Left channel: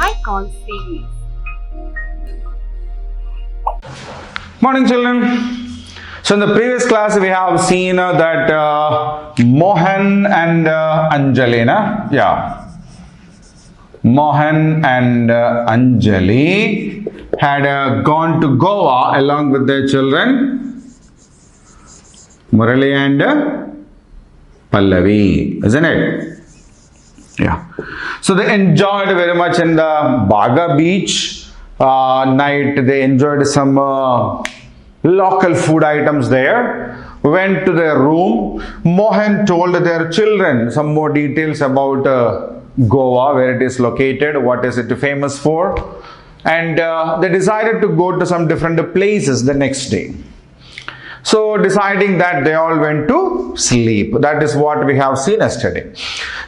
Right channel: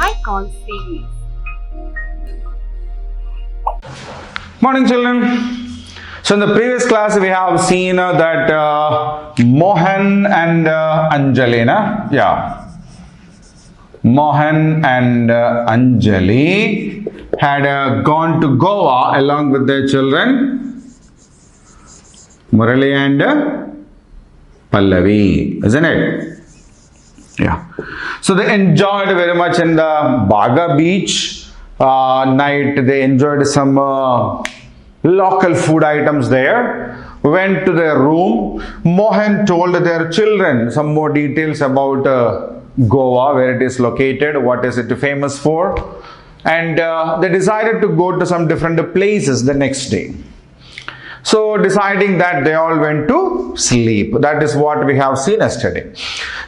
high-call series. Morning, children. So in the previous class we have seen that Mohan and Anjali, Mohan and Anjali had gone to Goa along with their children Murali and Pallavi, isn't it? Yeah. So they enjoyed very much in the Baga beach night. They enjoyed some local food items there. Went to their room. Mohan told their children some more details about Goa, where it is located, what is it famous for, and they decided to go to some different places the next day. So deciding that, they all went to sleep. That is what we have seen yesterday.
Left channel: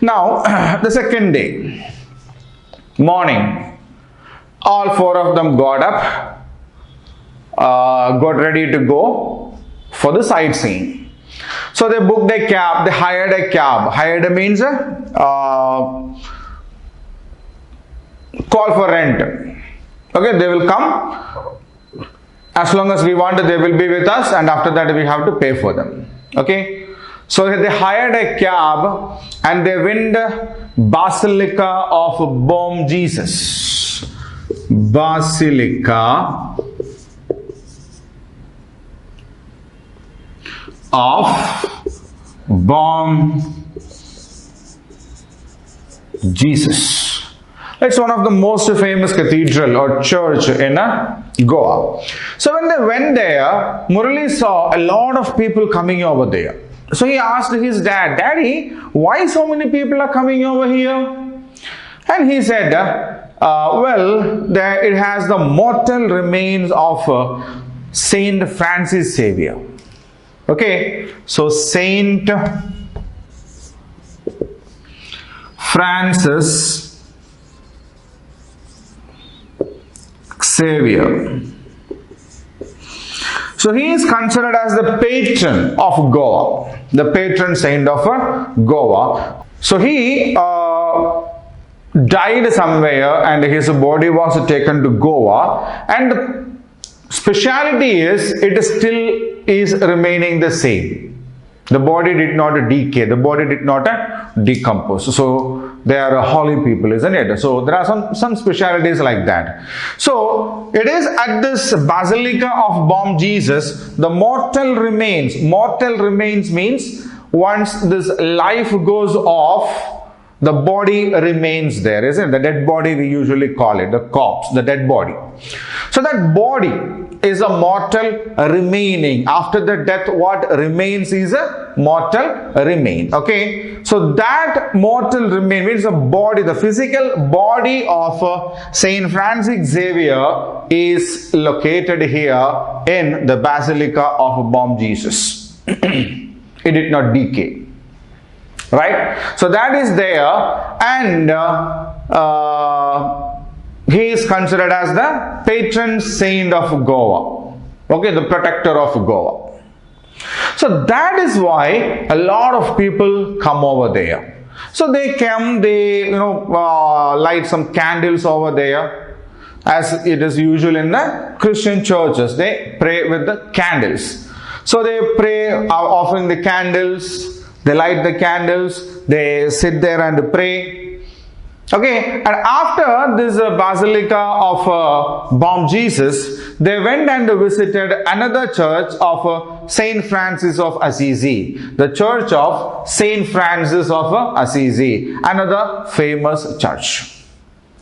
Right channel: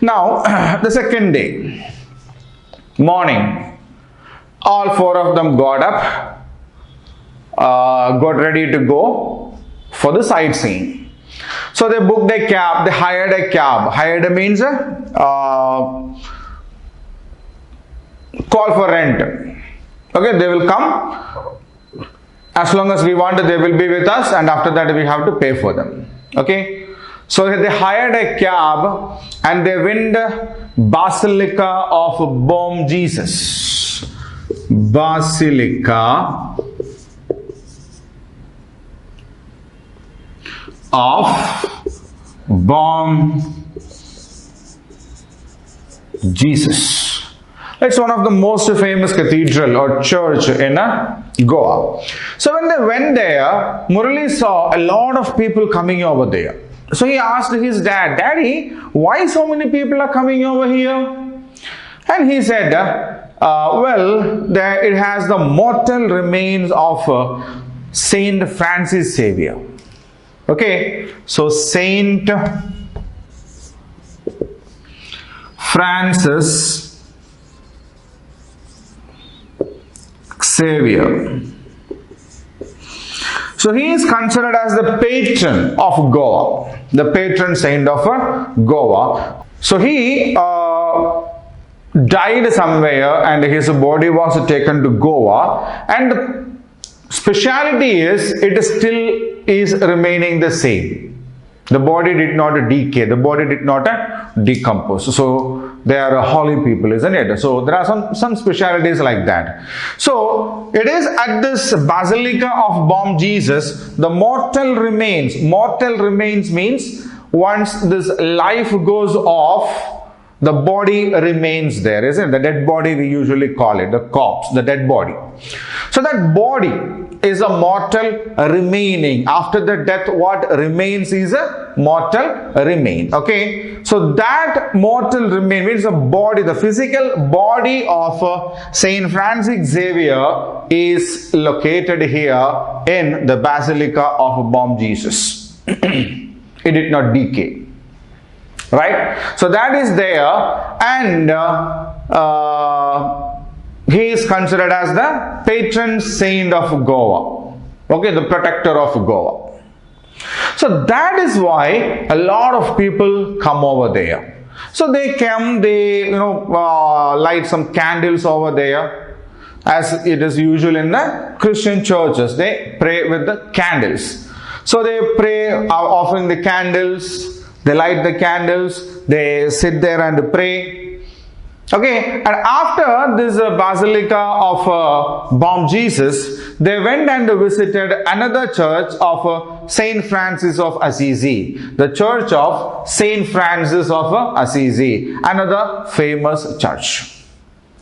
Now the second day morning, all four of them got up, got ready to go for the sightseeing. So they booked a cab, they hired a cab. Hired means call for rent. Okay, they will come. As long as we want, they will be with us, and after that we have to pay for them. Okay, so they hired a cab and they went Basilica of Bom Jesus. Basilica of Bom Jesus. It's one of the most famous cathedral or church in Goa. So when they went there, Murali saw a lot of people coming over there. So he asked his dad, "Daddy, why so many people are coming over here?" And he said, it has the mortal remains of Saint Francis Xavier. Okay, so Saint Francis Xavier. So he is considered as the patron of Goa, the patron saint of Goa. So he died somewhere and his body was taken to Goa, and the speciality is it still is remaining the same. The body did not decay, the body did not decompose. So they are holy people, isn't it? So there are some specialities like that. So it is at this Basilica of Bom Jesus, the mortal remains. Mortal remains means once this life goes off, the body remains there, isn't it? The dead body, we usually call it, the corpse, the dead body. So that body is a mortal remaining. After the death, what remains is a mortal remain. Okay, so that mortal remain means the body, the physical body of Saint Francis Xavier is located here in the Basilica of Bom Jesus. It did not decay. Right? So that is there, and he is considered as the patron saint of Goa. Okay, the protector of Goa. So that is why a lot of people come over there. So they come, they light some candles over there, as it is usual in the Christian churches. They pray with the candles. So they pray, offering the candles. They light the candles, they sit there and pray. Okay, and after this Basilica of Bom Jesus, they went and visited another church of Saint Francis of Assisi. The church of Saint Francis of Assisi, another famous church.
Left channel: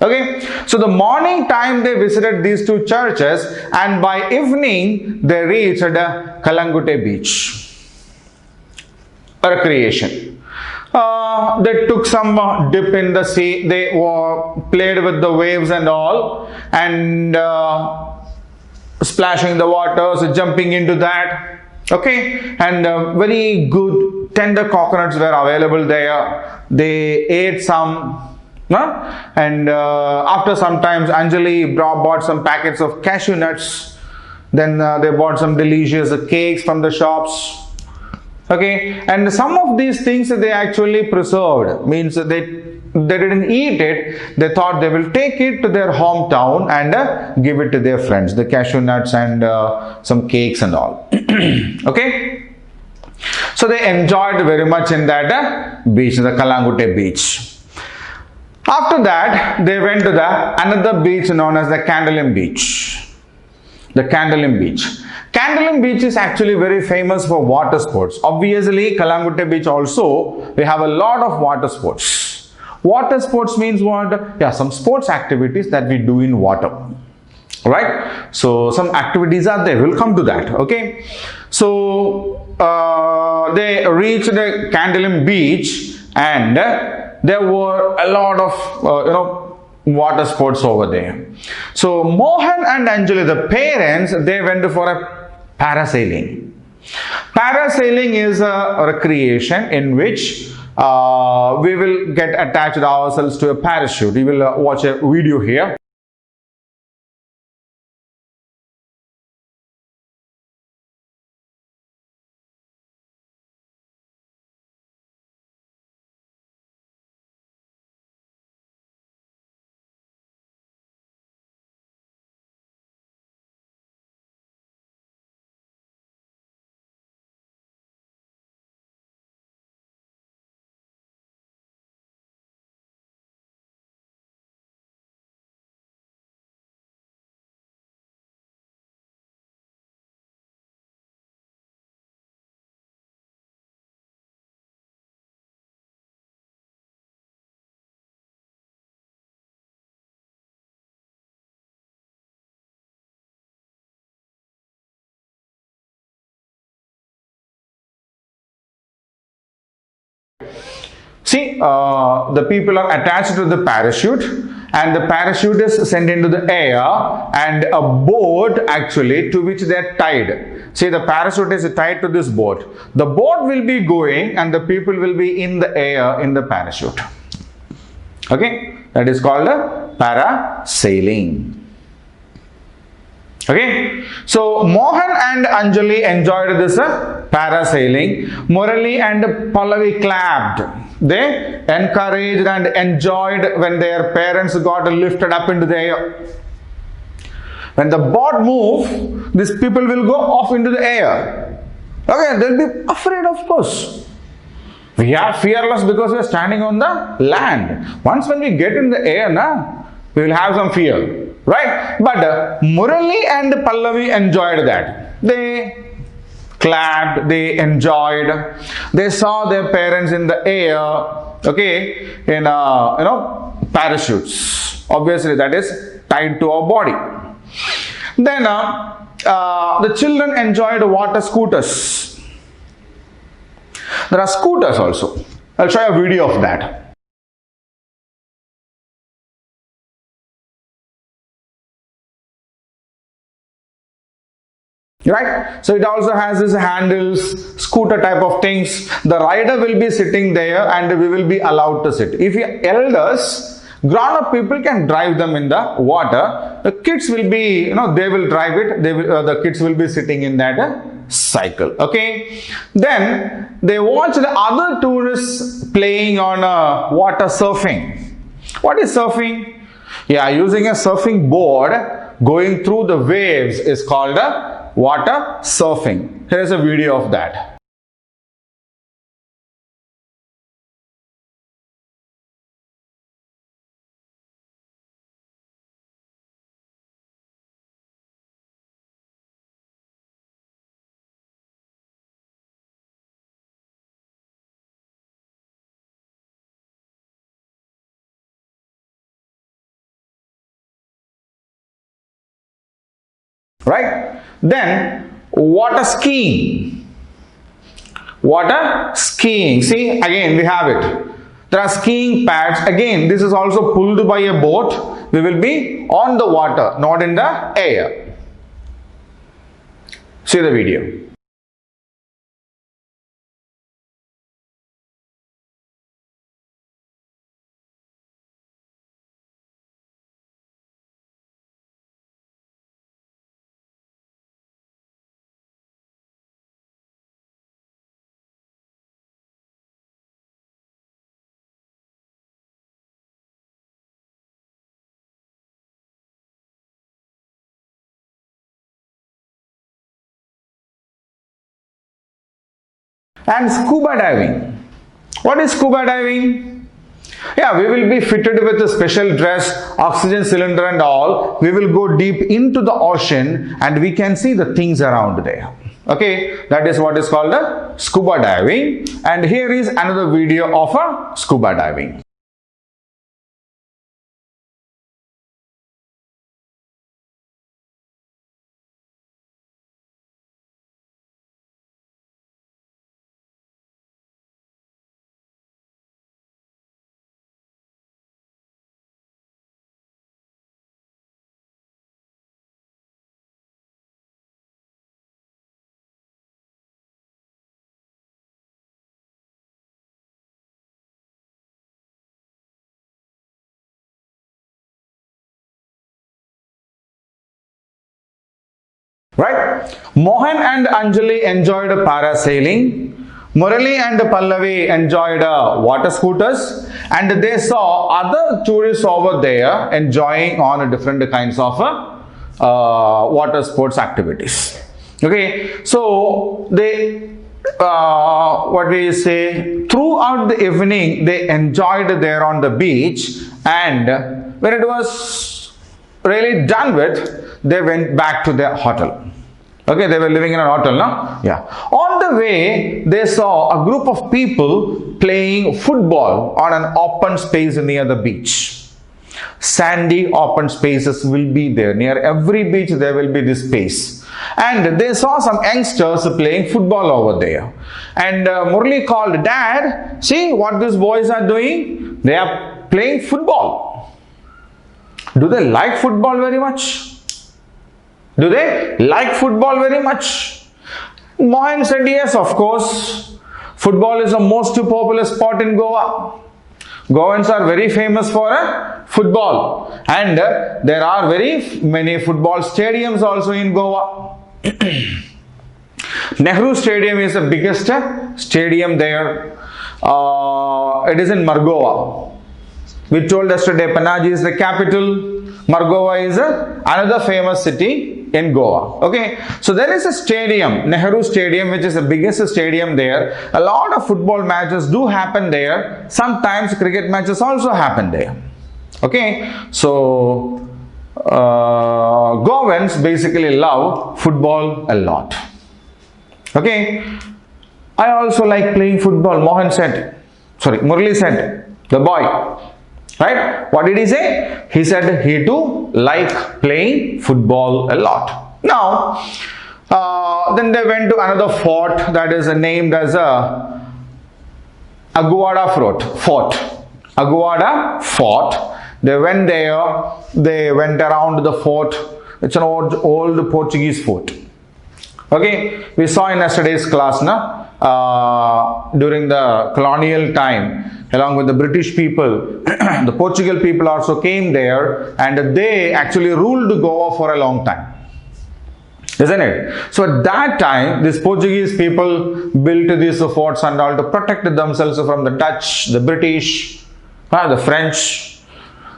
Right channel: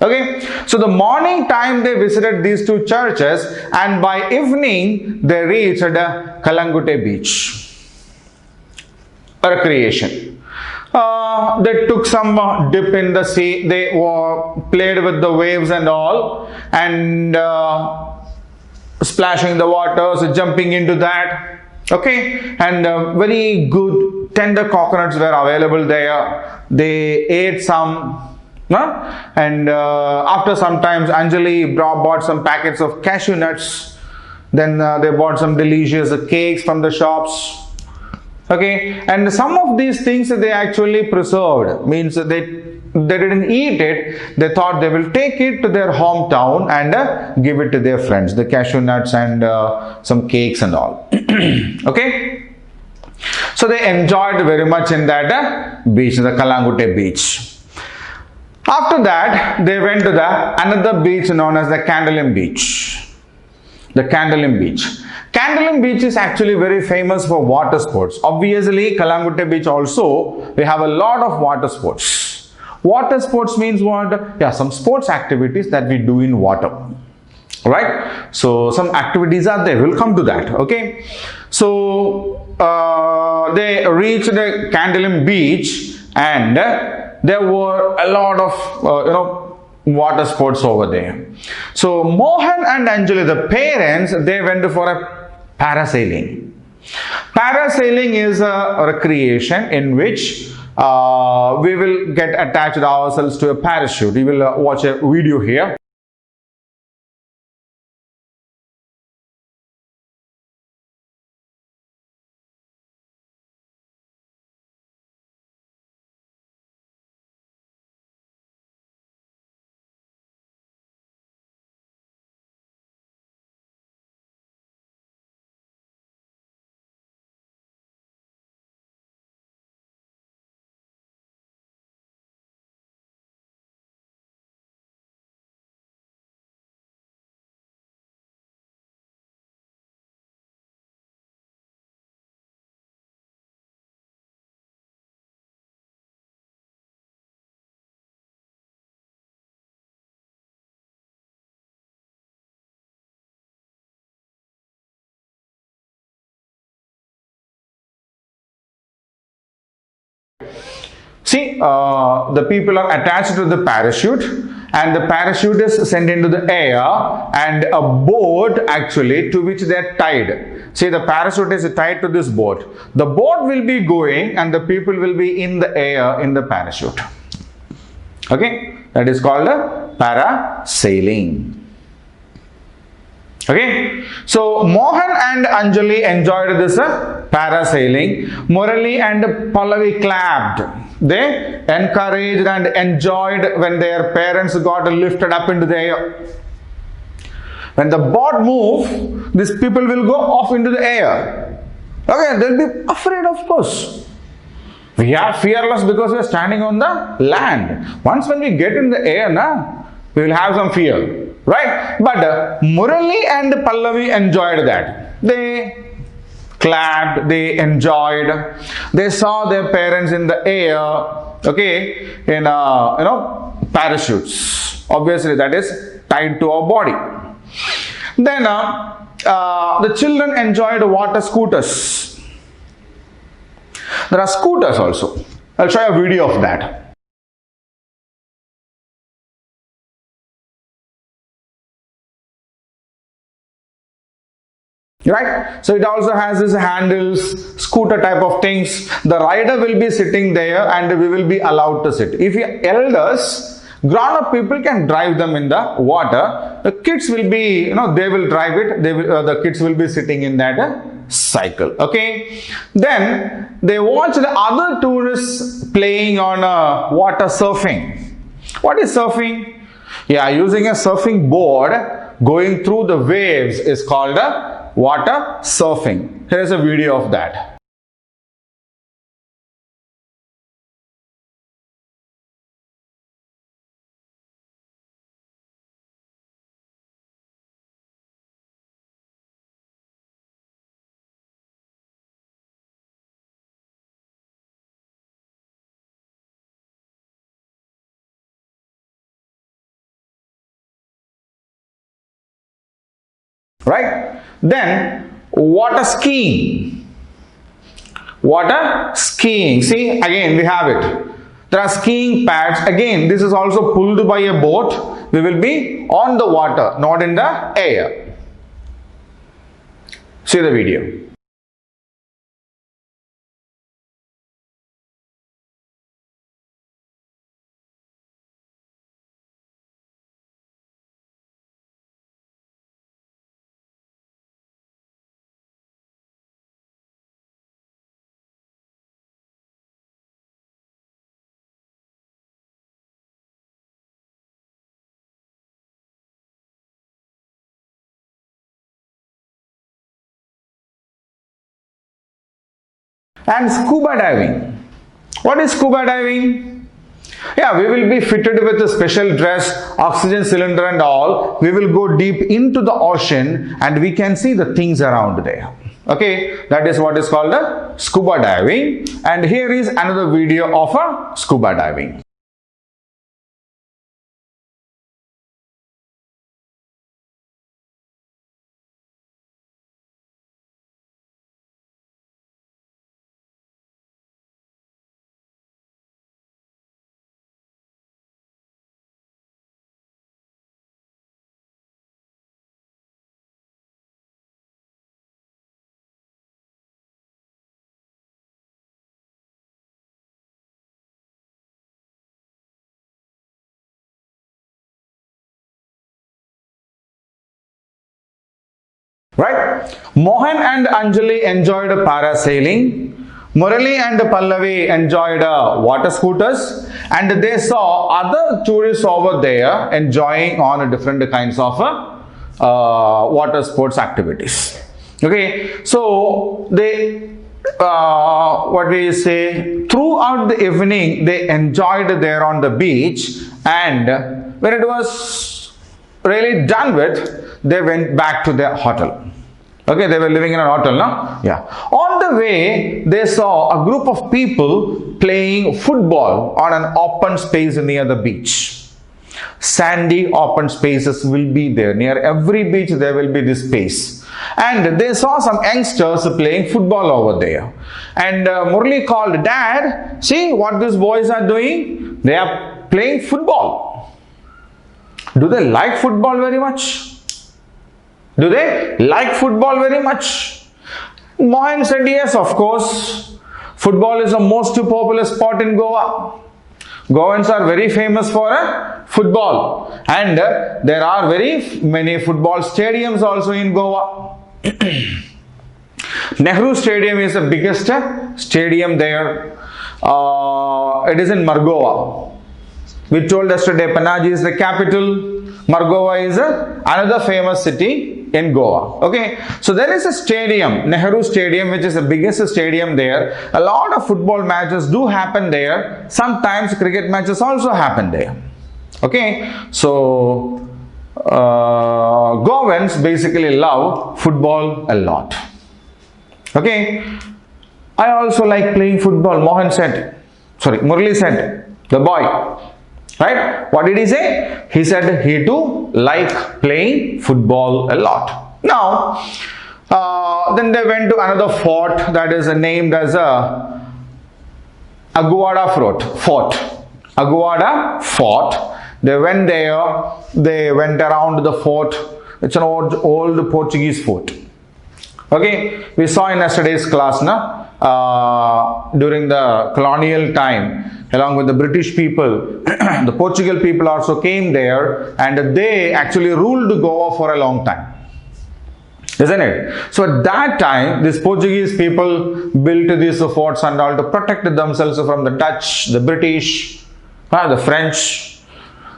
Okay, so the morning time they visited these two churches, and by evening they reached Kalangute beach. Recreation. They took some dip in the sea. They played with the waves and all, and splashing the waters, jumping into that. Okay, and very good tender coconuts were available there. They ate some. And after some time, Anjali bought some packets of cashew nuts. Then they bought some delicious cakes from the shops. Okay, and some of these things they actually preserved, means they they didn't eat it. They thought they will take it to their hometown and give it to their friends, the cashew nuts and some cakes and all. Okay. So they enjoyed very much in that beach, the Kalangute beach. After that, they went to the another beach known as the Candolim beach. The Candolim beach. Candolim beach is actually very famous for water sports. Obviously, Kalangute beach also, we have a lot of water sports. Water sports means what? Yeah, some sports activities that we do in water. Right? So, some activities are there. We'll come to that. Okay? So, they reached the Candolim beach and there were a lot of, water sports over there. So Mohan and Anjali, the parents, they went for a parasailing. Parasailing is a recreation in which we will get attached ourselves to a parachute. We will watch a video here. See, the people are attached to the parachute and the parachute is sent into the air and a boat actually to which they are tied. See, the parachute is tied to this boat. The boat will be going and the people will be in the air in the parachute. Okay, that is called a parasailing. Okay, so Mohan and Anjali enjoyed this parasailing. Murali and Pallavi clapped. They encouraged and enjoyed when their parents got lifted up into the air. When the boat moves, these people will go off into the air. Okay, they'll be afraid, of course. We are fearless because we are standing on the land. Once when we get in the air, we will have some fear. Right? But Murali and Pallavi enjoyed that. They clapped, they enjoyed. They saw their parents in the air, okay, in parachutes. Obviously, that is tied to our body. Then the children enjoyed water scooters. There are scooters also. I'll show you a video of that. Right, so it also has these handles, scooter type of things. The rider will be sitting there and we will be allowed to sit. If your elders, grown-up people can drive them in the water. The kids will be, they will drive it. The kids will be sitting in that cycle. Okay, then they watch the other tourists playing on water surfing. What is surfing? Yeah, using a surfing board going through the waves is called a water surfing. Here is a video of that. Right? Then water skiing. Water skiing. See, again we have it. There are skiing pads. Again, this is also pulled by a boat. We will be on the water, not in the air. See the video. And scuba diving. What is scuba diving? Yeah, we will be fitted with a special dress, oxygen cylinder and all. We will go deep into the ocean and we can see the things around there. Okay, that is what is called a scuba diving. And here is another video of a scuba diving. Right? Mohan and Anjali enjoyed parasailing. Murali and Pallavi enjoyed water scooters, and they saw other tourists over there enjoying on different kinds of water sports activities. Okay, so they what we say, throughout the evening they enjoyed there on the beach, and when it was really done with, they went back to their hotel. Okay, they were living in an hotel, no? Yeah. On the way, they saw a group of people playing football on an open space near the beach. Sandy open spaces will be there. Near every beach, there will be this space. And they saw some youngsters playing football over there. And Murli called, "Dad, see what these boys are doing? They are playing football. Do they like football very much? Do they like football very much?" Mohan said, "Yes, of course. Football is the most popular sport in Goa. Goans are very famous for football, and there are very many football stadiums also in Goa." Nehru Stadium is the biggest stadium there. It is in Margoa. We told yesterday Panaji is the capital. Margoa is another famous city in Goa. Okay, so there is a stadium, Nehru Stadium, which is the biggest stadium there. A lot of football matches do happen there. Sometimes cricket matches also happen there. Okay, so Goans basically love football a lot. Okay, I also like playing football. Murli said, the boy. Right? What did he say? He said he too liked playing football a lot. Now, then they went to another fort that is named as Aguada Fort. Aguada Fort. They went there. They went around the fort. It's an old Portuguese fort. Okay, we saw in yesterday's class, during the colonial time, along with the British people, the Portugal people also came there, and they actually ruled Goa for a long time. Isn't it? So at that time, these Portuguese people built these forts and all to protect themselves from the Dutch, the British, the French.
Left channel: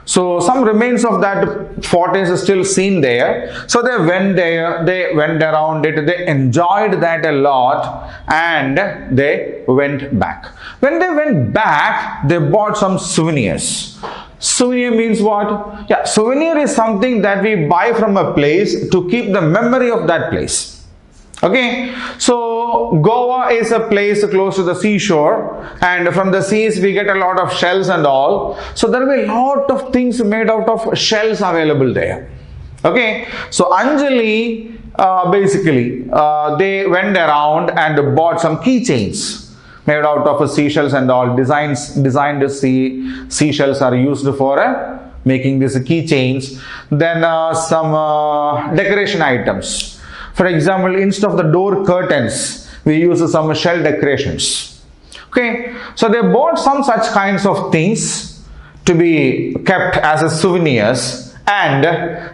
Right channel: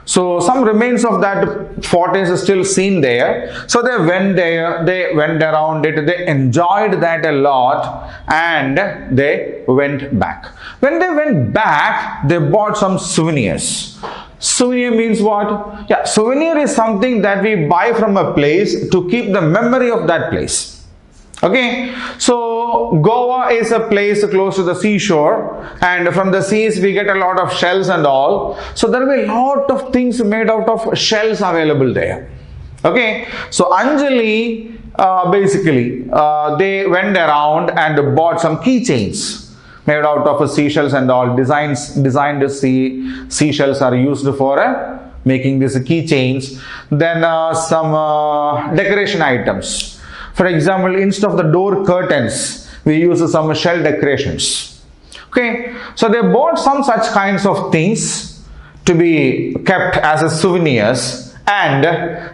So some remains of that fort is still seen there. So they went there, they went around it, they enjoyed that a lot, and they went back. When they went back, they bought some souvenirs. Souvenir means what? Yeah, souvenir is something that we buy from a place to keep the memory of that place. Okay, so Goa is a place close to the seashore, and from the seas we get a lot of shells and all. So there will be a lot of things made out of shells available there. Okay, so Anjali basically they went around and bought some keychains made out of seashells and all. Designed seashells are used for making these keychains. Then some decoration items. For example, instead of the door curtains, we use some shell decorations. Okay, so they bought some such kinds of things to be kept as souvenirs, and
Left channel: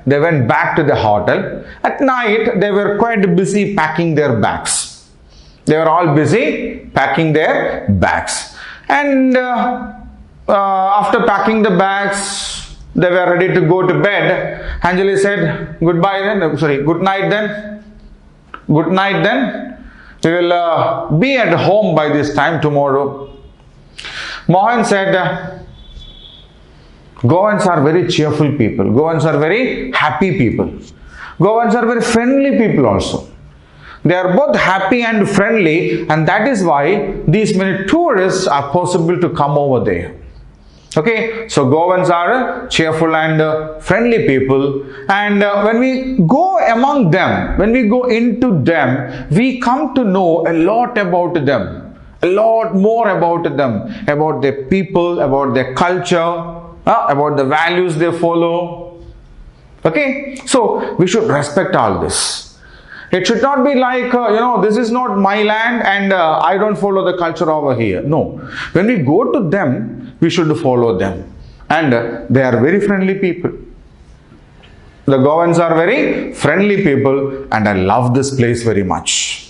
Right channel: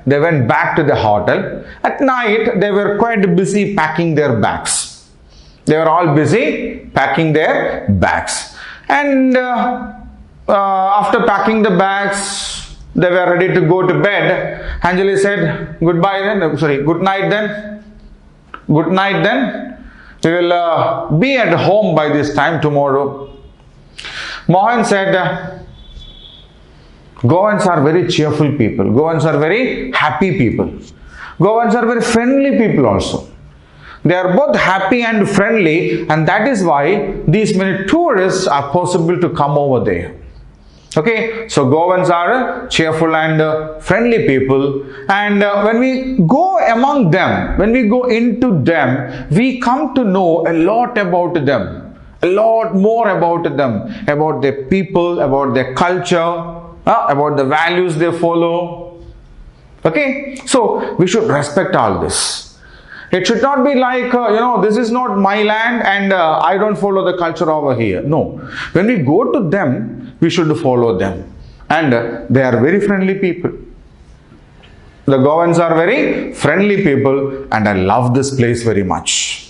they went back to the hotel. At night, they were quite busy packing their bags. They were all busy packing their bags. And after packing the bags, they were ready to go to bed. Anjali said, good night then. Good night then. We will be at home by this time tomorrow. Mohan said, Goans are very cheerful people. Goans are very happy people. Goans are very friendly people also. They are both happy and friendly, and that is why these many tourists are possible to come over there. Okay, so Goans are cheerful and friendly people, and when we go among them, when we go into them, we come to know a lot about them, a lot more about them, about their people, about their culture, about the values they follow. Okay, so we should respect all this. It should not be like, this is not my land and I don't follow the culture over here. No. When we go to them, we should follow them. And they are very friendly people. The Goans are very friendly people, and I love this place very much.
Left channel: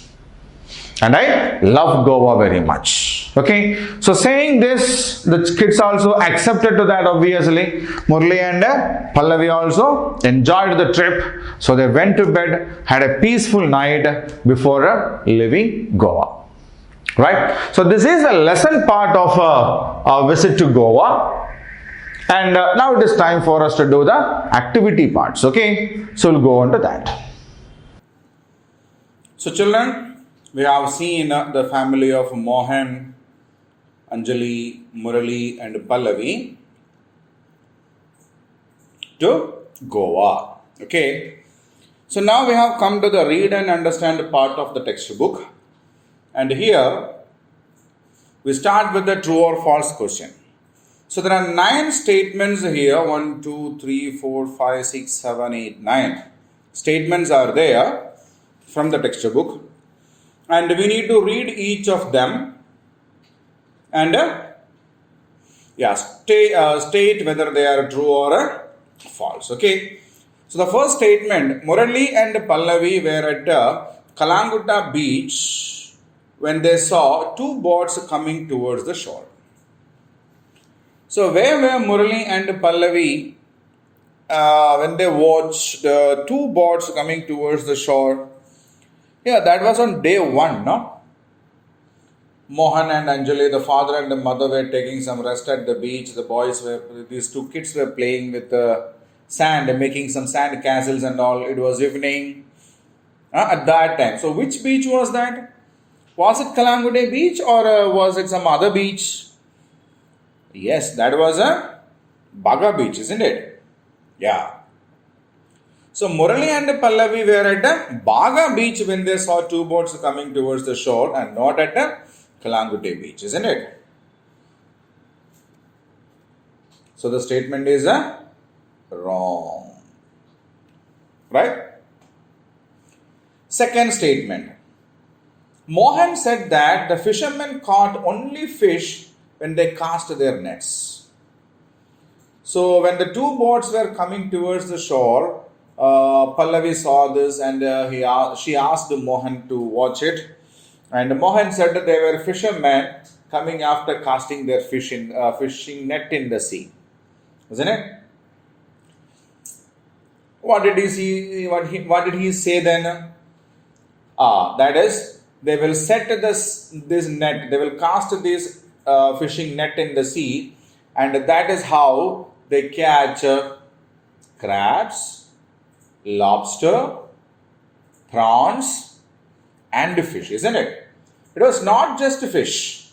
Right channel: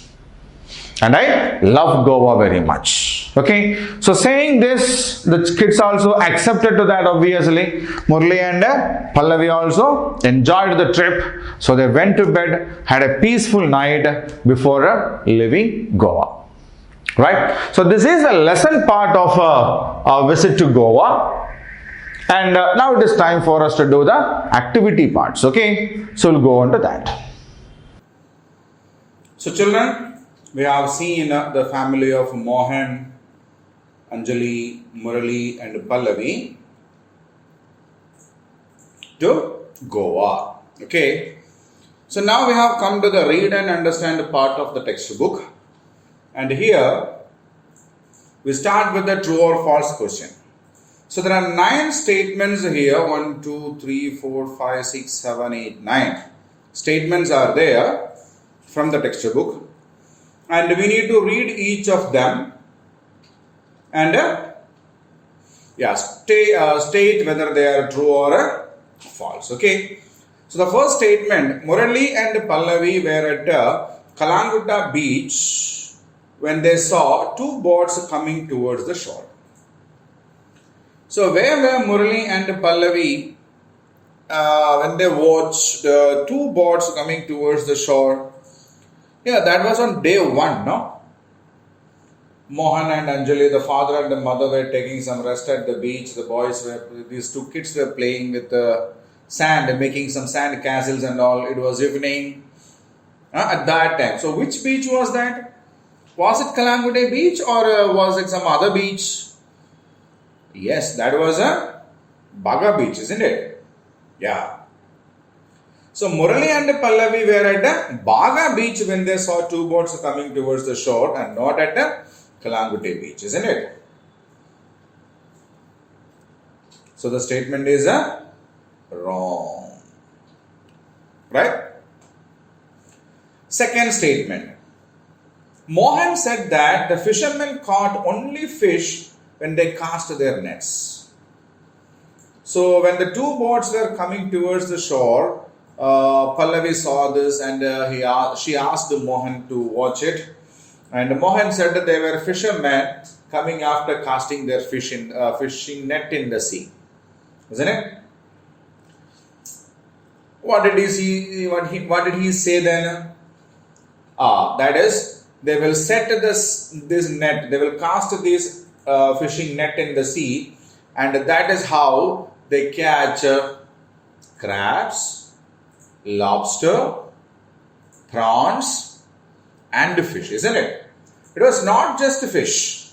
And I love Goa very much. Okay. So saying this, the kids also accepted to that obviously. Murli and Pallavi also enjoyed the trip. So they went to bed, had a peaceful night before leaving Goa. Right. So this is the lesson part of our visit to Goa. And now it is time for us to do the activity parts. Okay. So we'll go on to that. So children, we have seen the family of Mohan, Anjali, Murali and Pallavi to Goa. Okay. So now we have come to the read and understand part of the textbook. And here we start with the true or false question. So there are 9 statements here. 1, 2, 3, 4, 5, 6, 7, 8, 9 statements are there from the textbook. And we need to read each of them and state whether they are true or false. Okay. So the first statement, Murali and Pallavi were at Kalangutta beach when they saw 2 boats coming towards the shore. So where were Murali and Pallavi when they watched 2 boats coming towards the shore? Yeah, that was on day 1, no? Mohan and Anjali, the father and the mother, were taking some rest at the beach. These 2 kids were playing with sand, making some sand castles and all. It was evening at that time. So which beach was that? Was it Kalangude beach or was it some other beach? Yes, that was a Baga beach, isn't it? Yeah. So Murali and Pallavi were at Baga beach when they saw 2 boats coming towards the shore and not at Kalangute beach, isn't it? So the statement is wrong. Right? Second statement. Mohan said that the fishermen caught only fish when they cast their nets. So when the 2 boats were coming towards the shore, Pallavi saw this and she asked Mohan to watch it. And Mohan said that they were fishermen coming after casting their fishing net in the sea. Isn't it? What did he say then? That is, they will set this net, they will cast this fishing net in the sea, and that is how they catch crabs, lobster, prawns, and fish, isn't it? It was not just fish.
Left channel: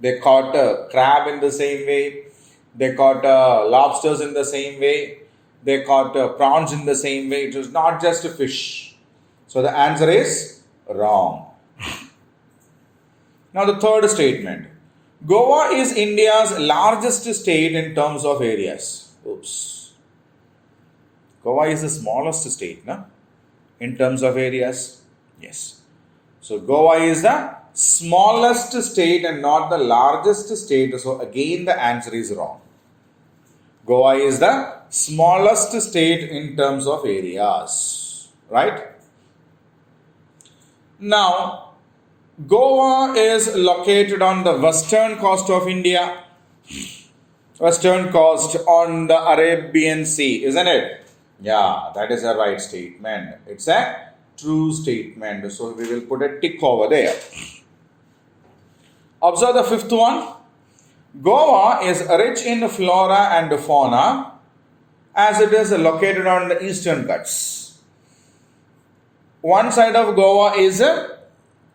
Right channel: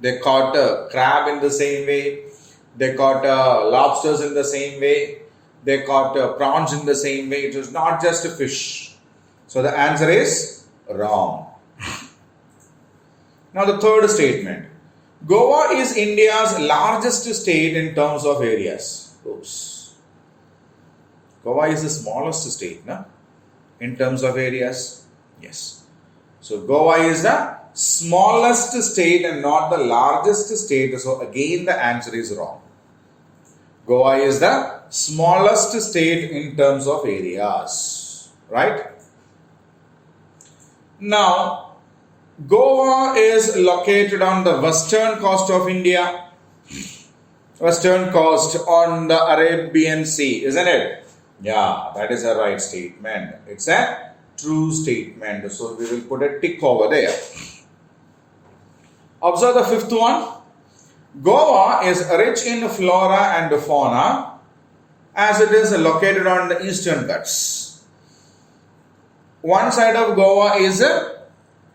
They caught crab in the same way. They caught lobsters in the same way. They caught prawns in the same way. It was not just fish. So the answer is wrong. Now the third statement. Goa is India's largest state in terms of areas. Oops. Goa is the smallest state, no? In terms of areas. Yes. So Goa is the smallest state and not the largest state. So again the answer is wrong. Goa is the smallest state in terms of areas. Right? Now, Goa is located on the western coast of India. Western coast on the Arabian Sea, isn't it? Yeah, that is a right statement. It's a true statement. So we will put a tick over there. Observe the fifth one. Goa is rich in flora and fauna as it is located on the eastern Ghats. One side of Goa is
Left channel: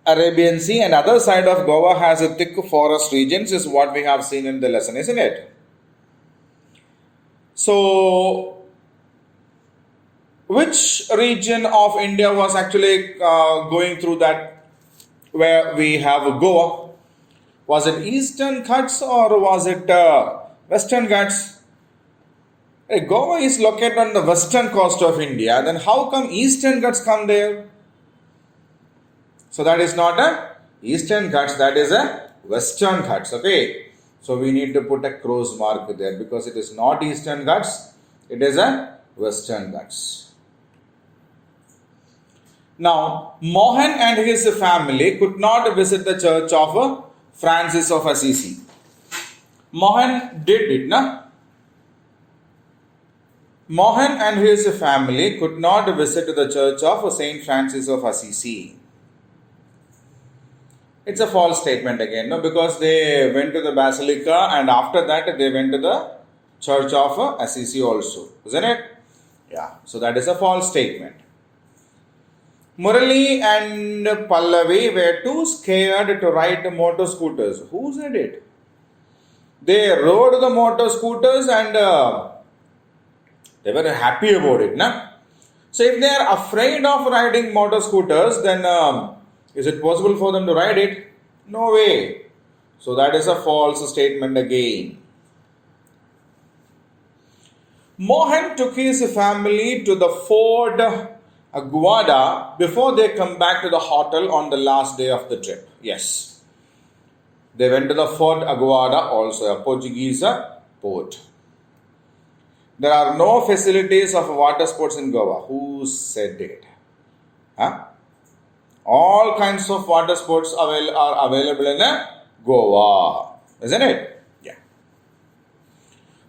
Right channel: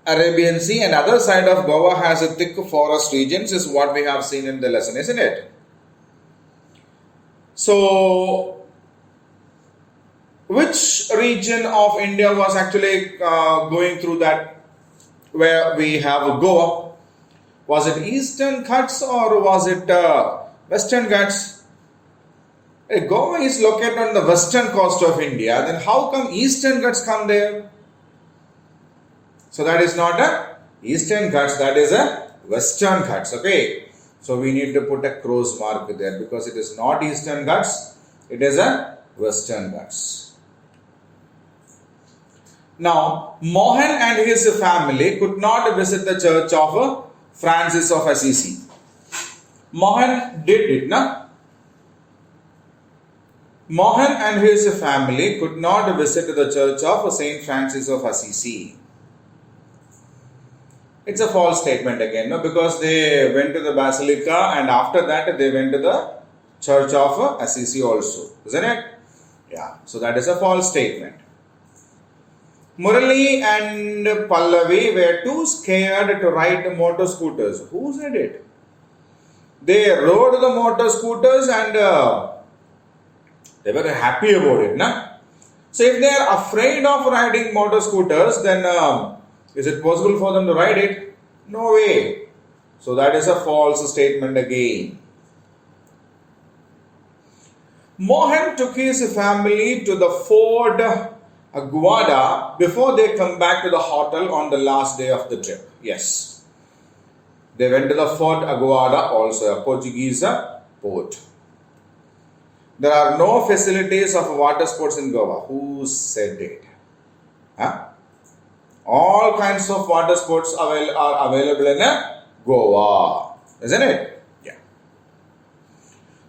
Arabian Sea and other side of Goa has a thick forest regions is what we have seen in the lesson, isn't it? So, which region of India was actually going through that where we have Goa? Was it Eastern Ghats or was it Western Ghats? Goa is located on the western coast of India. Then how come Eastern Ghats come there? So that is not a Eastern Ghats. That is a Western Ghats. Okay. So we need to put a cross mark there because it is not Eastern Ghats. It is a Western Ghats. Now, Mohan and his family could not visit the church of Francis of Assisi. Mohan did it, na? Mohan and his family could not visit the church of Saint Francis of Assisi. It's a false statement again, no? Because they went to the basilica and after that they went to the church of Assisi also, isn't it? Yeah, so that is a false statement. Murali and Pallavi were too scared to ride motor scooters. Who said it? They rode the motor scooters and they were happy about it. Na? So if they are afraid of riding motor scooters, then is it possible for them to ride it? No way. So that is a false statement again. Mohan took his family to the Fort Aguada before they come back to the hotel on the last day of the trip. Yes. They went to the Fort Aguada, also a Portuguese port. There are no facilities of water sports in Goa. Who said it? Huh? All kinds of water sports are available in Goa. Isn't it? Yeah.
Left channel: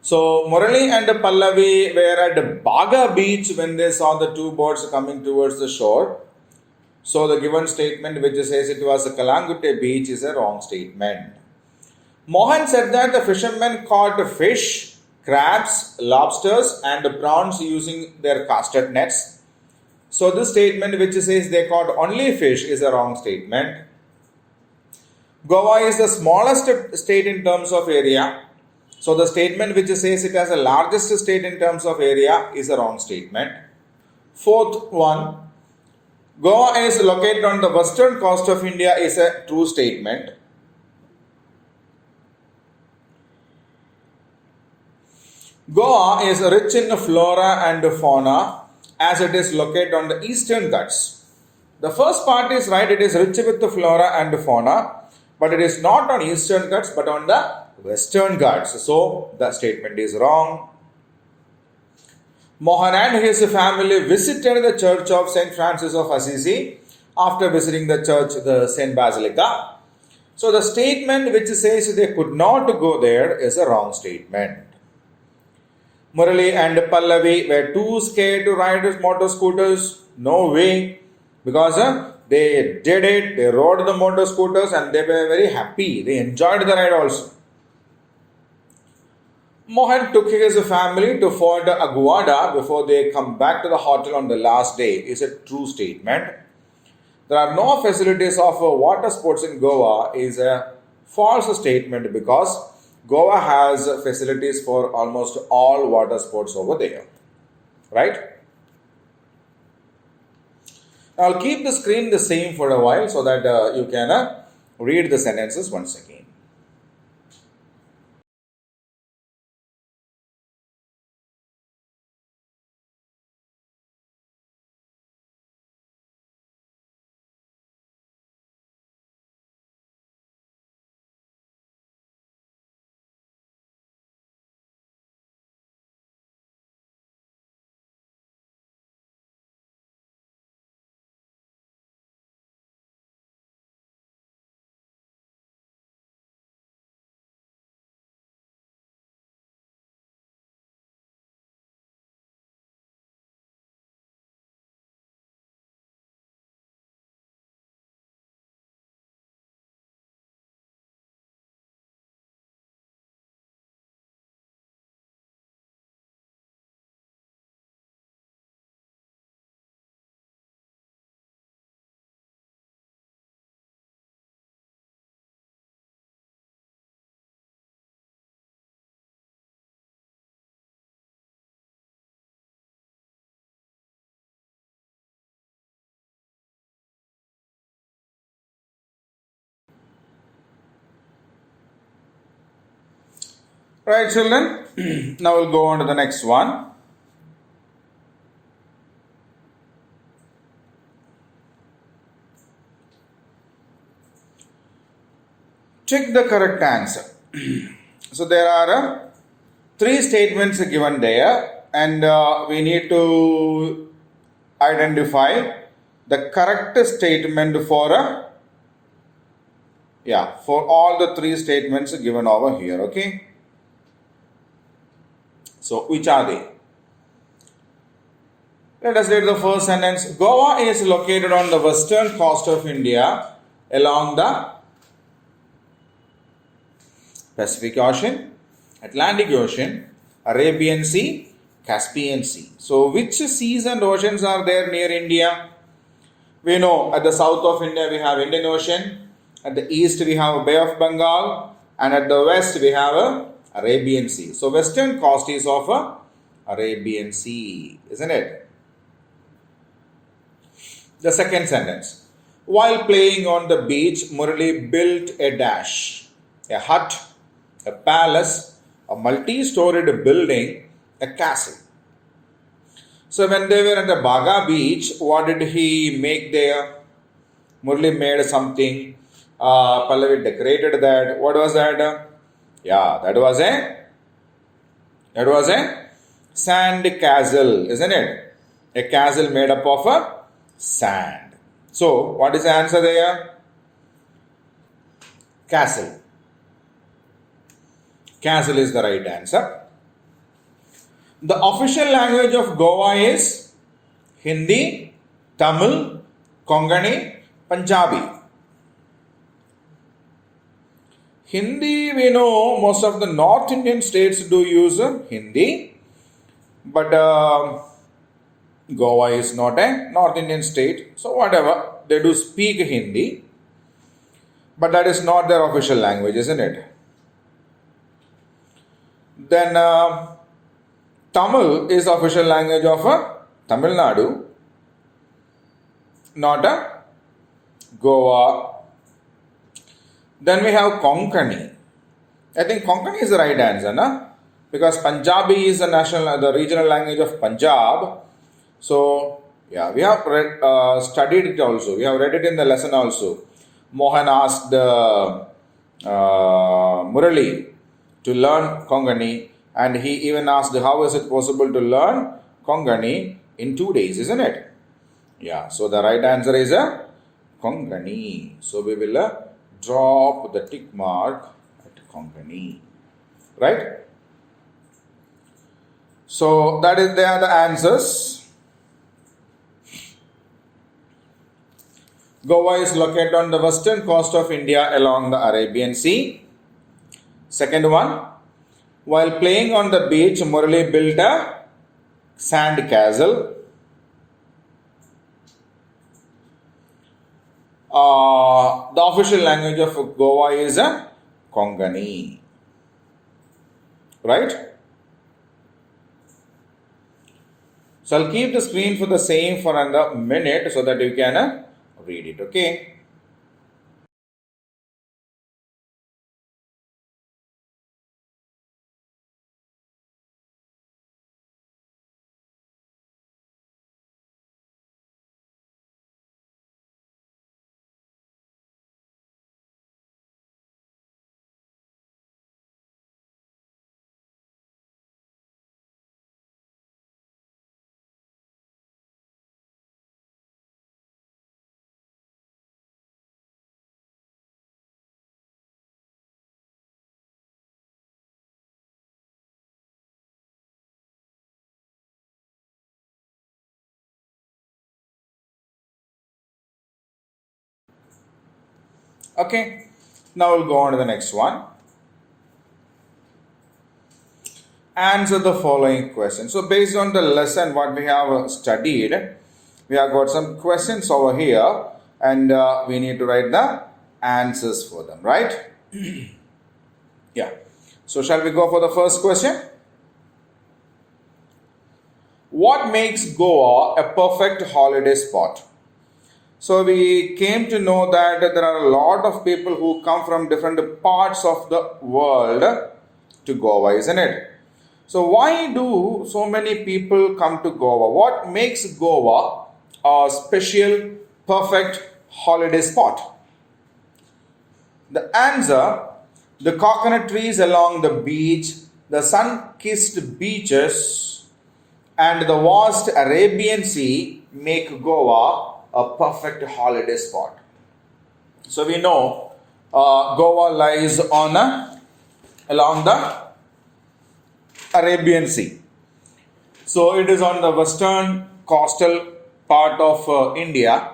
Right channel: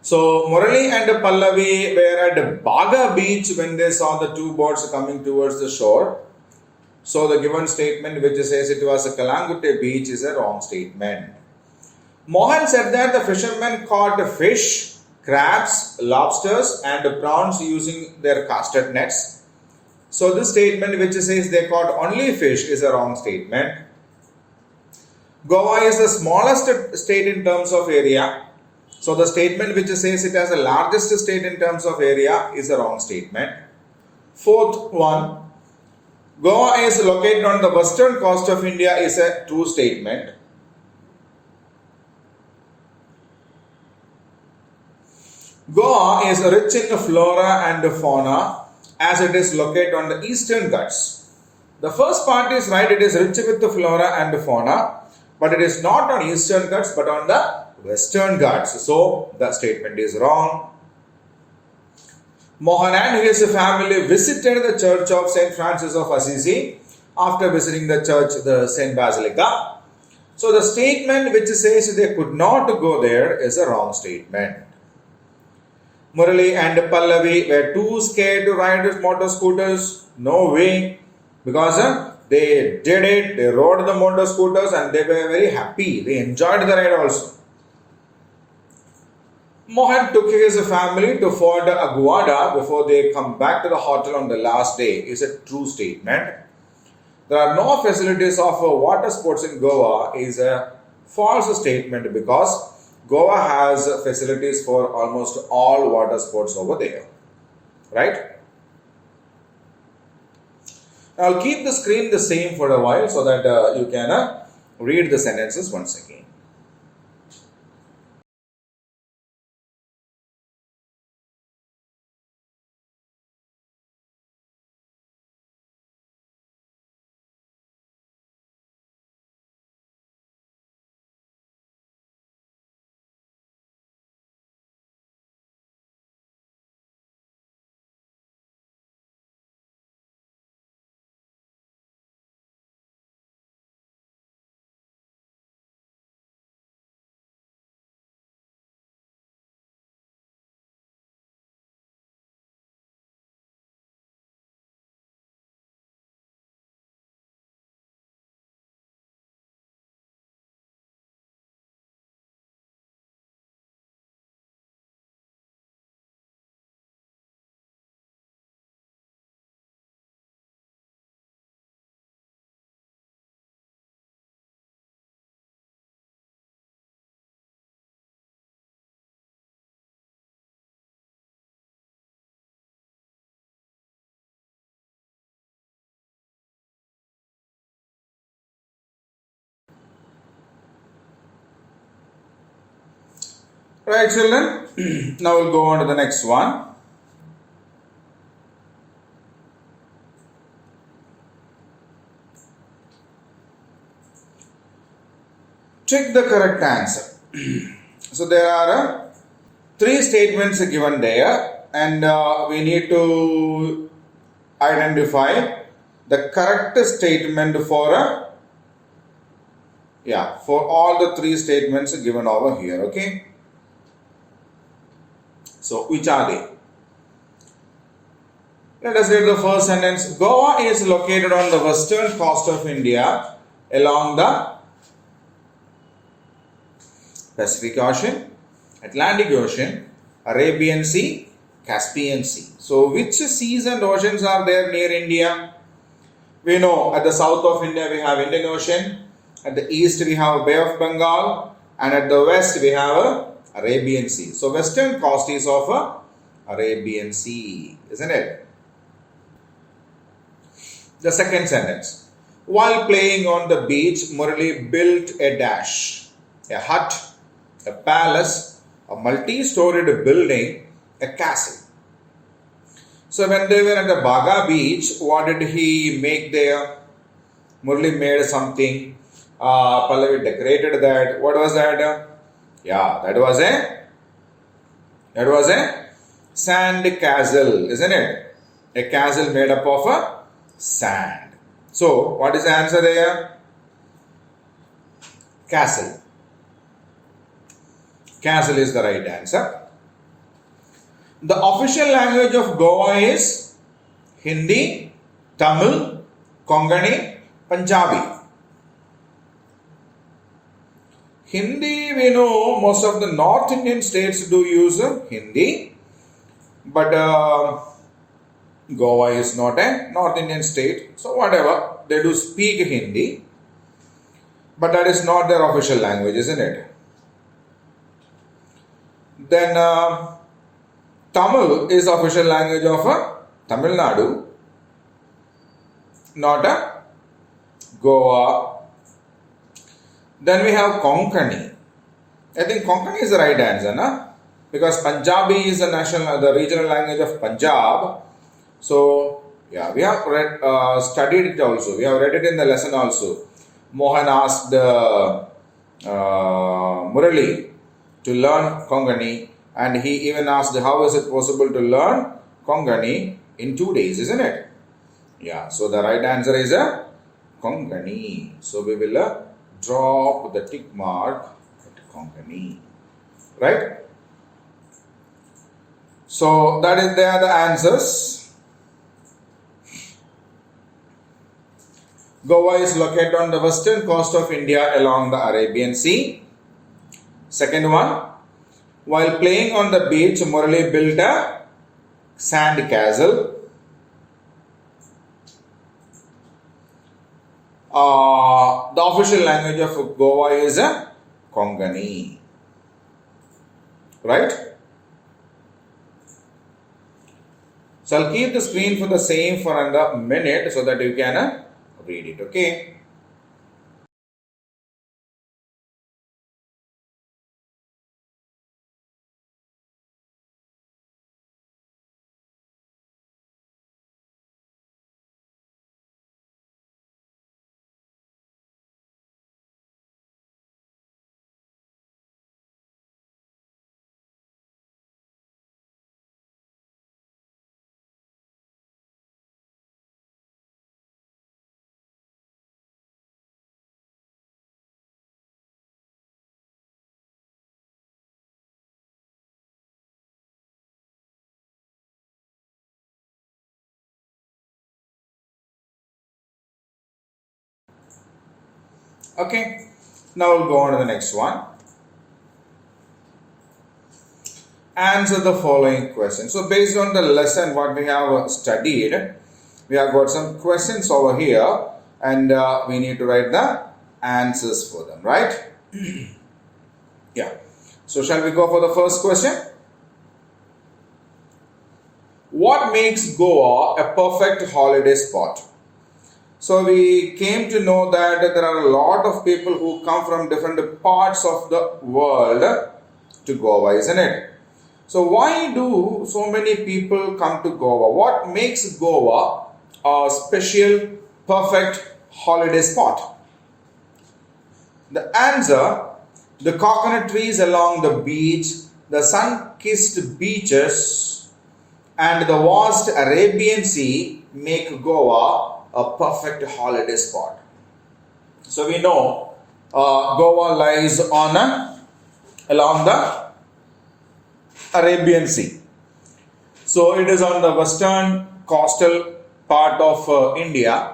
So, Murali and Pallavi were at Baga beach when they saw the two boats coming towards the shore. So, the given statement which says it was a Kalangute beach is a wrong statement. Mohan said that the fishermen caught fish, crabs, lobsters and prawns using their casted nets. So this statement which says they caught only fish is a wrong statement. Goa is the smallest state in terms of area. So the statement which says it has the largest state in terms of area is a wrong statement. Fourth one, Goa is located on the western coast of India is a true statement. Goa is rich in flora and fauna as it is located on the eastern Ghats. The first part is right, it is rich with the flora and fauna, but it is not on eastern Ghats but on the western Ghats. So the statement is wrong. Mohan and his family visited the church of Saint Francis of Assisi after visiting the church, the Saint Basilica. So the statement which says they could not go there is a wrong statement. Murali and Pallavi were too scared to ride motor scooters. No way. Because they did it, they rode the motor scooters and they were very happy. They enjoyed the ride also. Mohan took his family to Fort Aguada before they come back to the hotel on the last day is a true statement. There are no facilities of water sports in Goa is a false statement because Goa has facilities for almost all water sports over there. Right? I'll keep the screen the same for a while so that you can read the sentences once again. Right, children? Now we'll go on to the next one. Check the correct answer. So there are three statements given there, and we need to identify the correct statement for for all the three statements given over here. Okay. So which are they? Let us read the first sentence. Goa is located on the western coast of India along the Pacific Ocean, Atlantic Ocean, Arabian Sea, Caspian Sea. So which seas and oceans are there near India? We know at the south of India we have Indian Ocean, at the east we have Bay of Bengal, and at the west we have Arabian Sea. So western coast is of Arabian Sea, isn't it? The second sentence. While playing on the beach, Murali built a dash, a hut, a palace, a multi-storied building, a castle. So when they were at the Baga beach, what did he make there? Murali made something. Pallavi decorated that. What was that? Yeah, that was a sand castle, isn't it? A castle made up of sand. So what is the answer there? Castle. Castle is the right answer. The official language of Goa is Hindi, Tamil, Konkani, Punjabi. Hindi, we know most of the North Indian states do use Hindi, but Goa is not a North Indian state, so whatever, they do speak Hindi, but that is not their official language, isn't it? Then Tamil is the official language of Tamil Nadu, not Goa. Then we have Konkani. I think Konkani is the right answer, na? Because Punjabi is the regional language of Punjab. So yeah, we have studied it also. We have read it in the lesson also. Mohan asked Murali to learn Konkani, and he even asked how is it possible to learn Konkani in 2 days, isn't it? Yeah, so the right answer is Konkani. So we will drop the tick mark at Konkani, right? So they are the answers. Goa is located on the western coast of India along the Arabian Sea. Second one, while playing on the beach, Murali built a sand castle. The official language of Goa is Konkani. Right? So I'll keep the screen for the same for another minute so that you can read it. Okay? Okay, now we'll go on to the next one. Answer the following question. So, based on the lesson what we have studied, we have got some questions over here, and we need to write the answers for them, right? Yeah. So, shall we go for the first question? What makes Goa a perfect holiday spot? So we came to know that there are a lot of people who come from different parts of the world to Goa, isn't it? So why do so many people come to Goa? What makes Goa a special, perfect holiday spot? The answer: the coconut trees along the beach, the sun-kissed beaches, and the vast Arabian Sea make Goa a perfect holiday spot. So we know Goa lies on along the Arabian Sea. So it is on the western coastal part of India.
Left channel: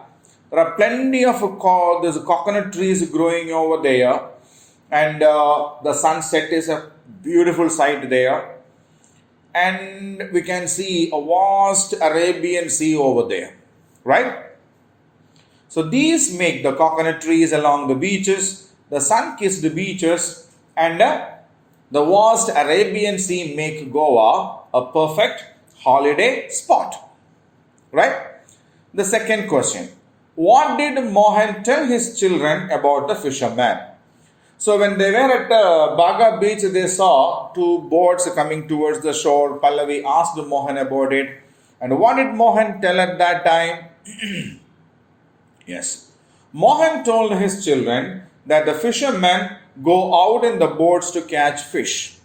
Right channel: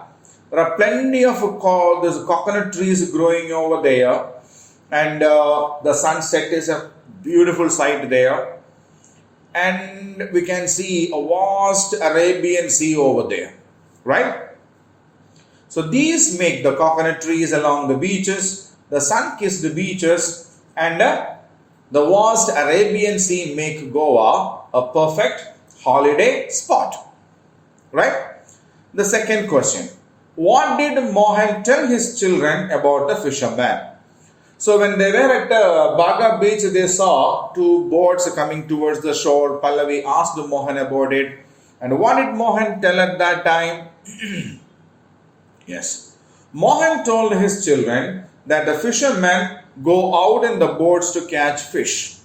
There are plenty of there's coconut trees growing over there, and the sunset is a beautiful sight there. And we can see a vast Arabian Sea over there, right? So these make the coconut trees along the beaches, the sun-kissed beaches, and the vast Arabian Sea make Goa a perfect holiday spot. Right? The second question. What did Mohan tell his children about the fisherman? So when they were at Baga beach, they saw two boats coming towards the shore. Pallavi asked Mohan about it. And what did Mohan tell at that time? Yes. Mohan told his children that the fishermen go out in the boats to catch fish.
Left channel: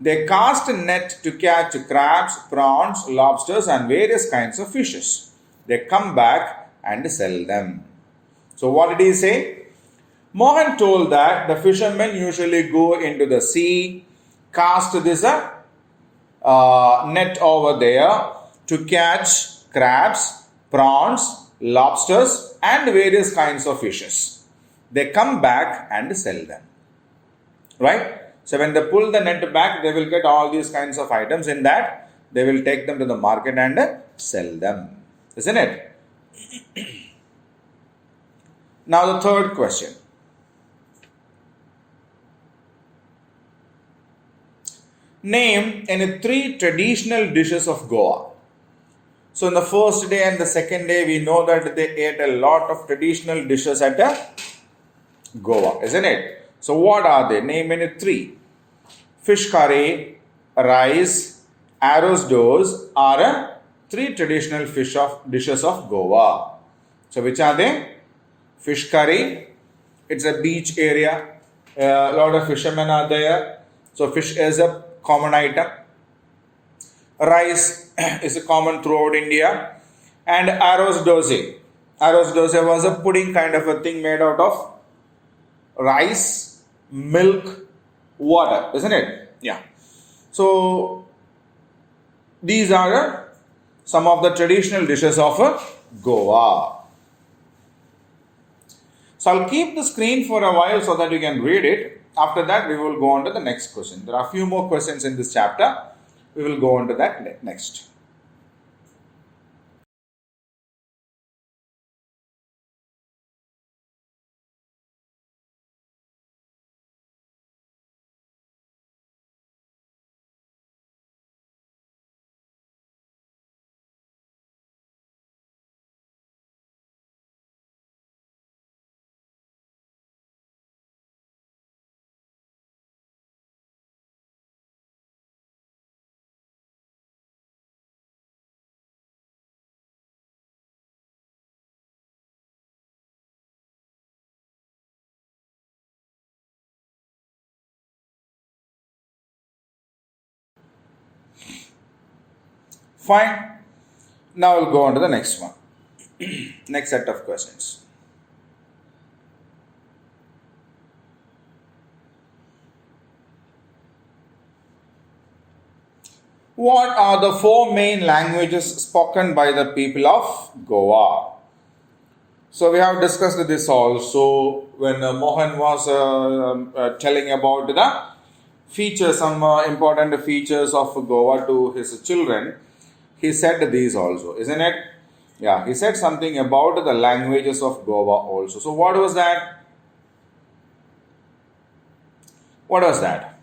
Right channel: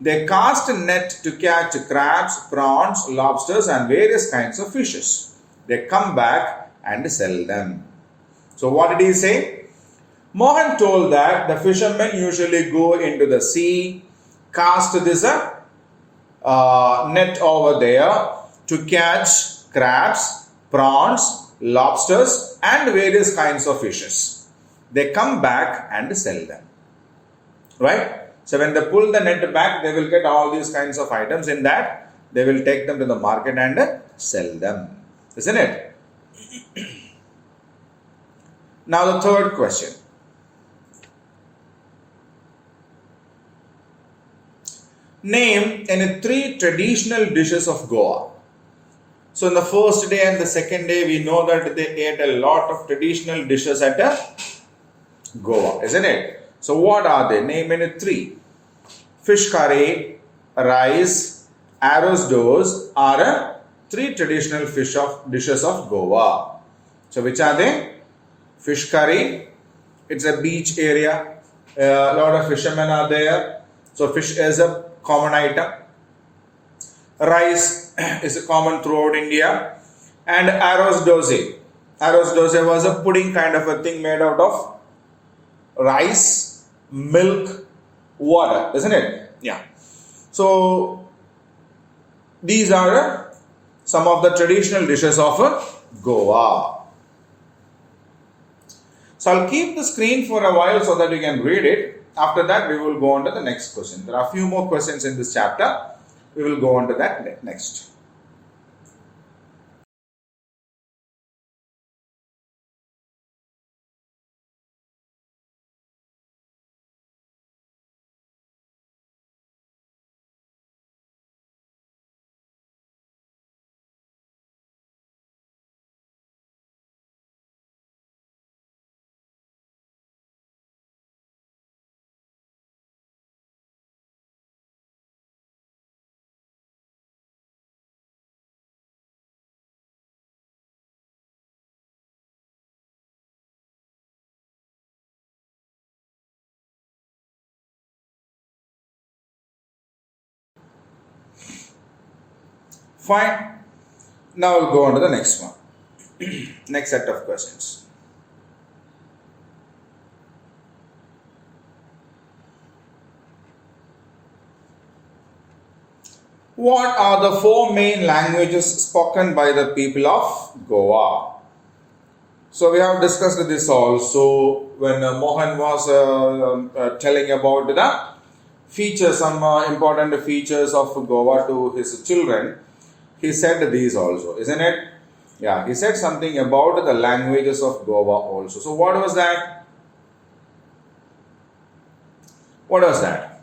They cast a net to catch crabs, prawns, lobsters, and various kinds of fishes. They come back and sell them. So, what did he say? Mohan told that the fishermen usually go into the sea, cast this net over there to catch crabs, prawns, lobsters, and various kinds of fishes. They come back and sell them. Right? So when they pull the net back, they will get all these kinds of items in that. They will take them to the market and sell them. Isn't it? Now the third question. Name any three traditional dishes of Goa. So in the first day and the second day, we know that they ate a lot of traditional dishes at Goa, isn't it? So what are they? Name any three. Fish curry, rice, arroz dos are three traditional dishes of Goa. So which are they? Fish curry. It's a beach area. A lot of fishermen are there. So fish is a common item. Rice is common throughout India. And arroz doze. Arroz doze was a pudding kind of a thing made out of rice, milk, water, isn't it? Yeah. So these are some of the traditional dishes of Goa. So I'll keep the screen for a while so that you can read it. After that, we will go on to the next question. There are a few more questions in this chapter. We will go on to that next. Fine. Now we'll go on to the next one. Next set of questions. What are the four main languages spoken by the people of Goa? So we have discussed this also when Mohan was telling about the features, some important features of Goa to his children. He said these also, isn't it? Yeah, he said something about the languages of Goa also. So what was that? What was that?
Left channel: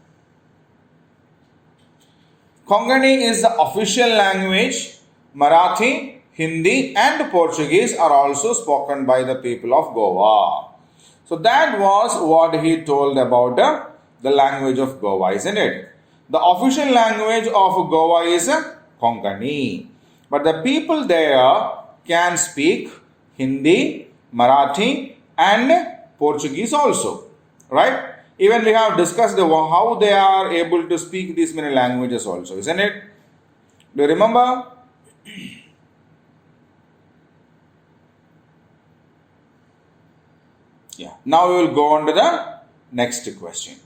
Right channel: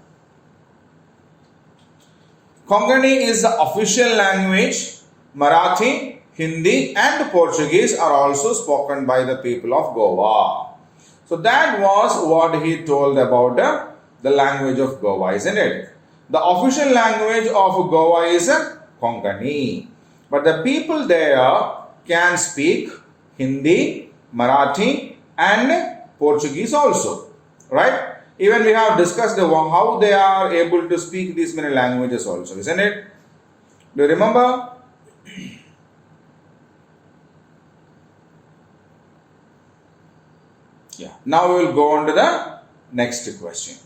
Konkani is the official language. Marathi, Hindi and Portuguese are also spoken by the people of Goa. So that was what he told about the language of Goa, isn't it? The official language of Goa is Konkani. But the people there can speak Hindi, Marathi, and Portuguese also. Right? Even we have discussed how they are able to speak these many languages also, isn't it? Do you remember? Yeah. Now we will go on to the next question.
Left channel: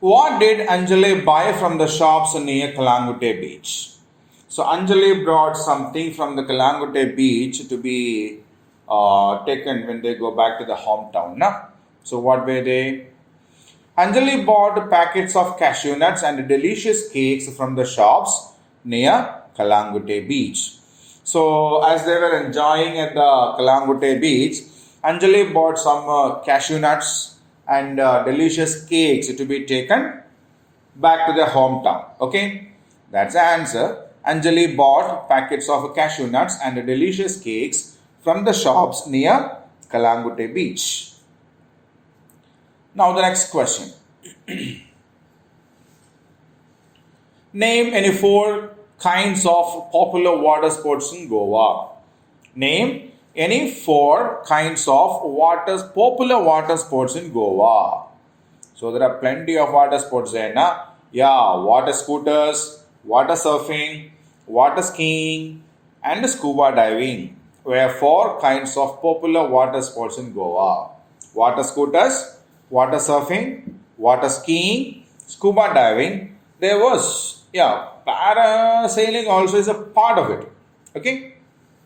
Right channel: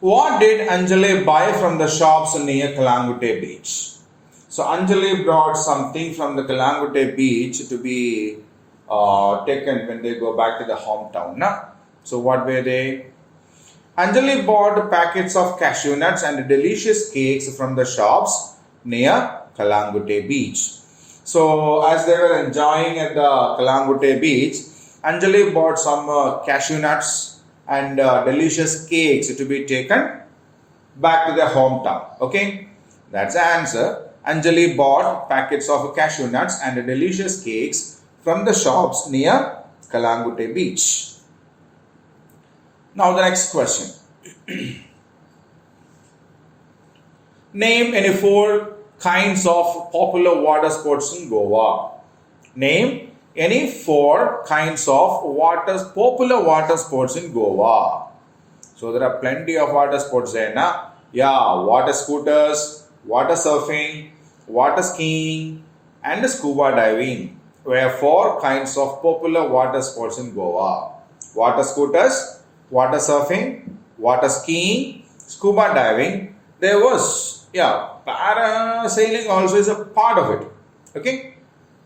What did Anjali buy from the shops near Kalangute beach? So Anjali brought something from the Kalangute beach to be taken when they go back to the hometown. Na? So what were they? Anjali bought packets of cashew nuts and delicious cakes from the shops near Kalangute beach. So as they were enjoying at the Kalangute beach, Anjali bought some cashew nuts and delicious cakes to be taken back to their hometown. Okay, that's the answer. Anjali bought packets of cashew nuts and delicious cakes from the shops near Kalangute beach. Now the next question. Name any four kinds of popular water sports in Goa. Name any four kinds of popular water sports in Goa. So there are plenty of water sports there, na? Yeah, water scooters, water surfing, water skiing, and scuba diving were four kinds of popular water sports in Goa. Water scooters, water surfing, water skiing, scuba diving. There was, yeah, parasailing also is a part of it. Okay.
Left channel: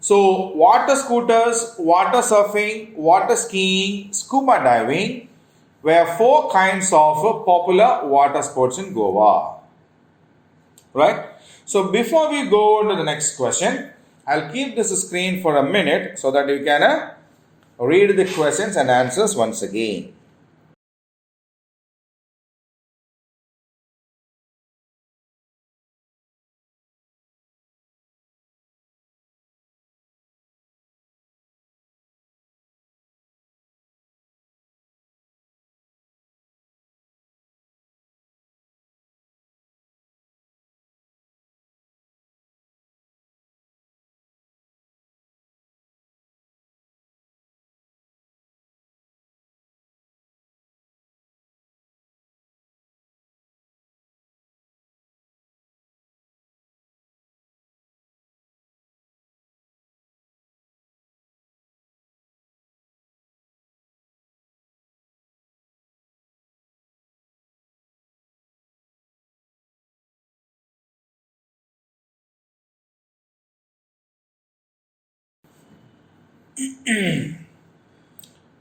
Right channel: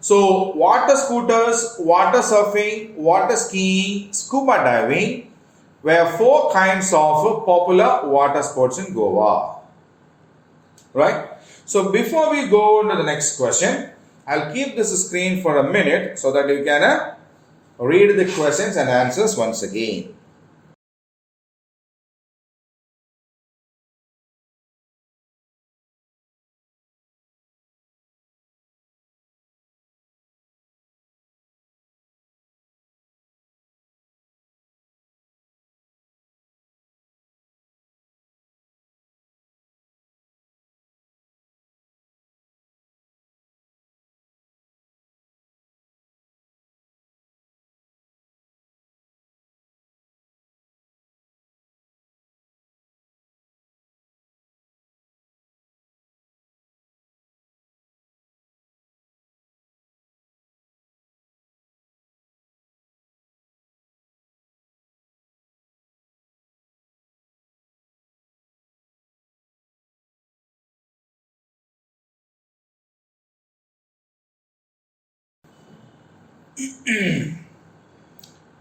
So water scooters, water surfing, water skiing, scuba diving were four kinds of popular water sports in Goa. Right? So before we go on to the next question, I'll keep this screen for a minute so that you can read the questions and answers once again.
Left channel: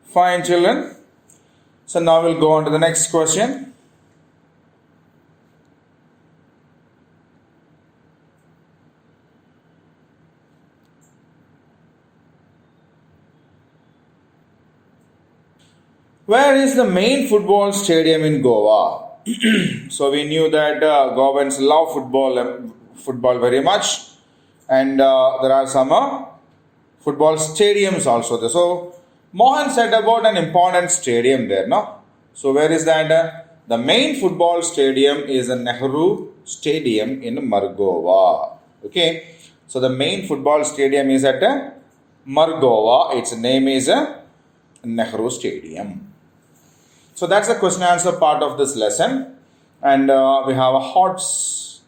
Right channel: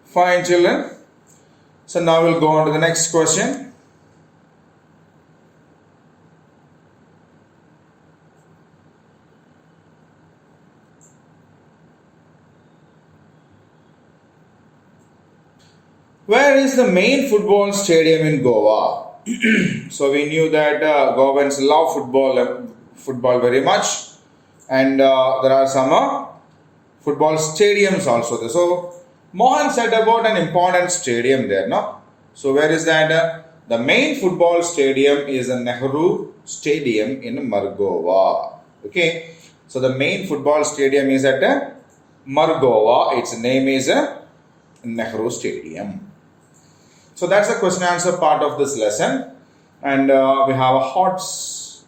Fine, children. So now we'll go on to the next question. Where is the main football stadium in Goa? So we knew that Goans love football very much, and there are some football stadiums also there. So Mohan said about an important stadium there, no? So where is that? The main football stadium is the Nehru Stadium in Margova. Okay, so the main football stadium is at Margova. Its name is Nehru Stadium. So that's the question answer part of this lesson, and we have HOTS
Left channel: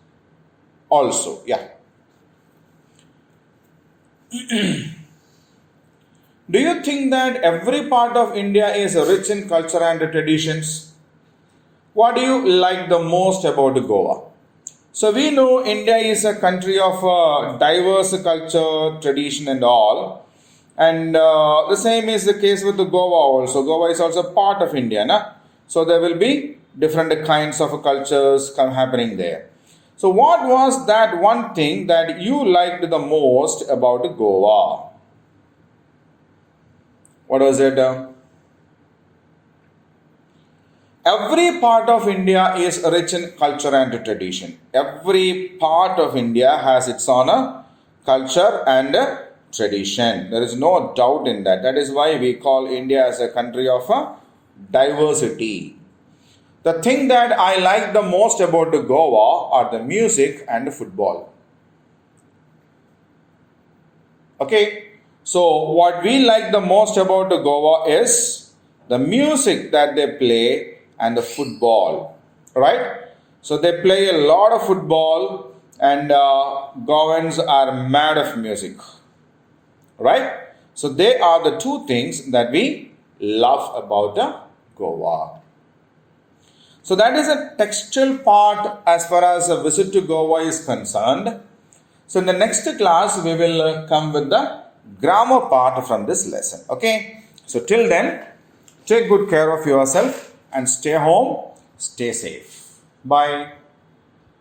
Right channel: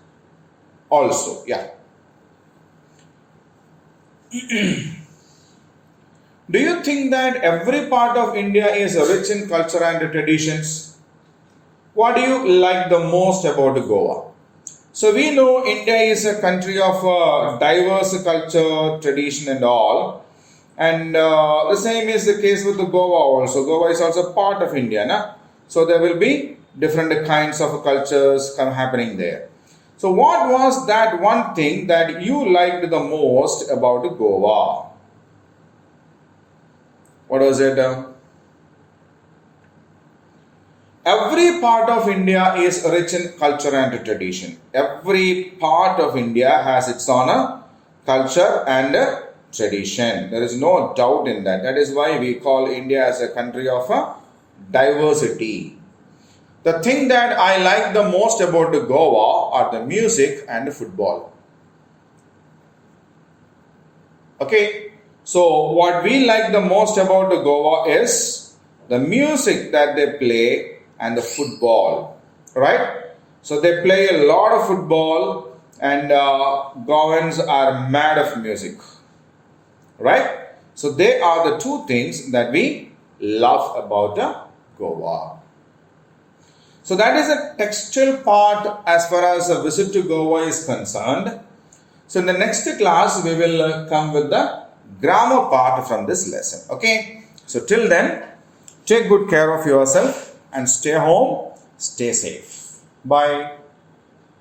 also. Yeah. Do you think that every part of India is rich in culture and traditions? What do you like the most about Goa? So we know India is a country of diverse culture, tradition, and all. And the same is the case with the Goa also. Goa is also part of India, na? So there will be different kinds of cultures happening there. So what was that one thing that you liked the most about Goa? What was it? Every part of India is rich in culture and tradition. Every part of India has its own culture and tradition. There is no doubt in that. That is why we call India as a country of diversity. The thing that I like the most about Goa are the music and the football. Okay, so what we like the most about the Goa is the music that they play and the football, right? So they play a lot of football, and Goans are mad of music, right? So they are the two things that we love about Goa. So that is a textual part as far as a visit to Goa is concerned. So in the next class, we will come with the grammar part from this lesson. Okay. So till then, take good care of yourself and stay home, stay safe. Bye.